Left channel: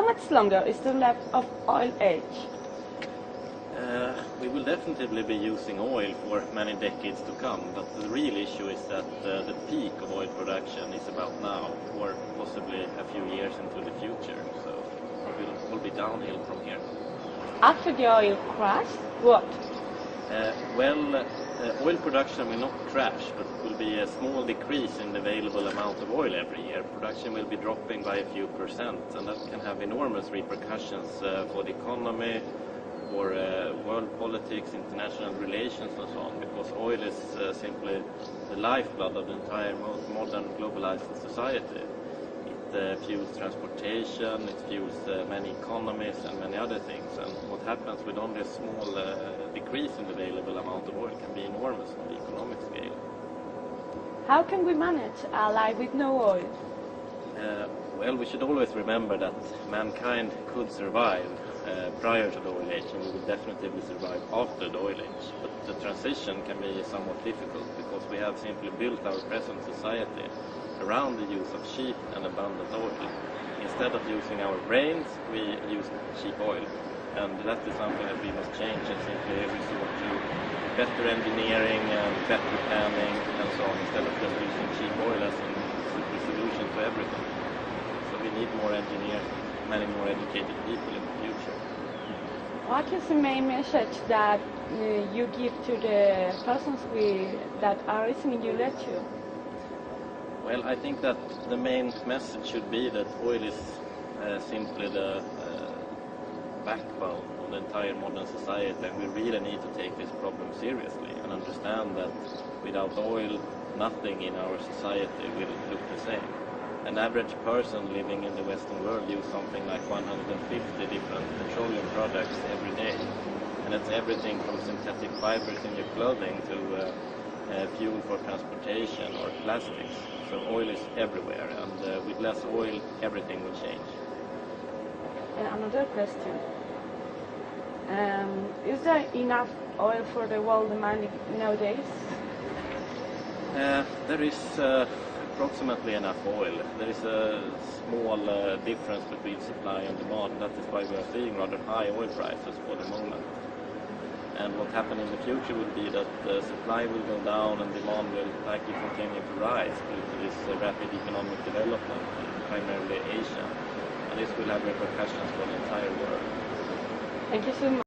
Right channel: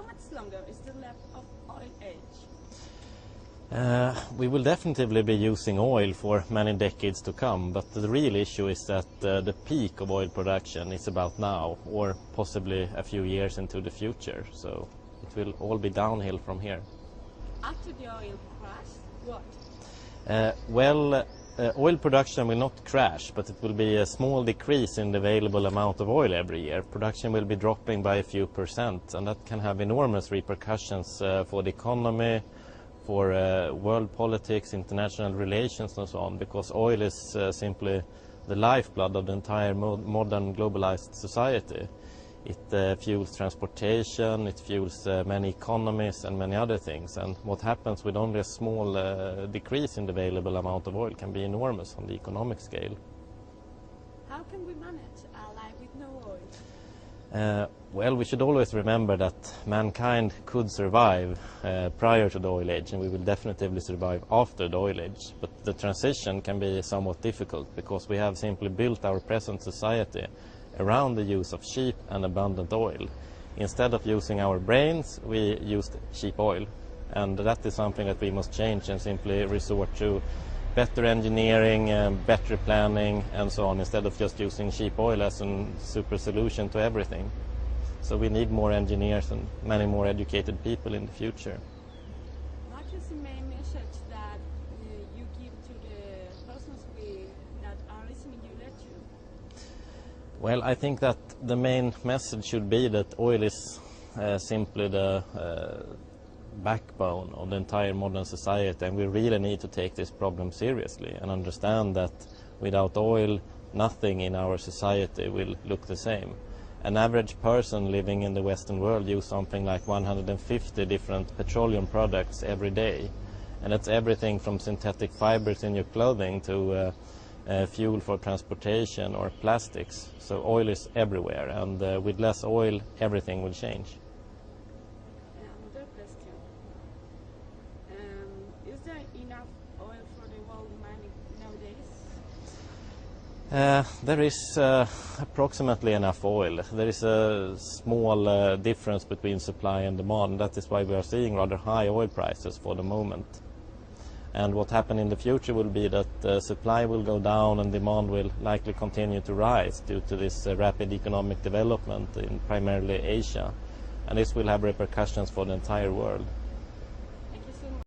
How much longer is the left of oil age? We will definitely be using oil for many decades to come, but the real issue is that the peak of oil production is about now, or possibly a few years into the future, so it will all be downhill from here. After the oil crash, what? Oil production will not crash, but it will be a small decrease in the available amount of oil every year. Production will be dropping by a few percent, and that can have enormous repercussions for the economy, for world politics, international relations and so on, because oil is simply the lifeblood of the entire modern globalized society. It fuels transportation, it fuels many economies and many other things, and what happens with only a small decrease in the available amount of oil can be enormous on the economic scale. How can we manage a life with no oil? Well, we should always remember that mankind could survive prior to the oil age, and we will definitely survive after the oil age. But the transition can be somewhat difficult because we have simply built our present society around the use of cheap and abundant oil. Instead of using our brains, we use cheap oil. And that is something that we must change and simply resort to better engineering and better planning and so on, instead of just using cheap oil as a super solution to everything. So we need more engineers and many more educated people in the future. What is the main message that you give to the persons that are listening to your lecture? Well, I think that the main message should be that oil is simply the backbone of the entire modern society, and we really need to take this problem seriously and understand that without oil, nothing in our society will look the same. An average person living in the Western world uses something like 150 different petroleum products every day, and that's everything from synthetic fibers in your clothing to fuel for transportation or plastics. So oil is everywhere, and with less oil, everything will change. Another question. Is there enough oil for the world demand nowadays? There is approximately enough oil. There is a small difference between supply and demand. That is why we are seeing rather high oil prices for the moment. And what happens in the future will be that supply will go down and demand will likely continue to rise due to this rapid economic development in primarily Asia. And this will have repercussions for the entire world. Thank you so much.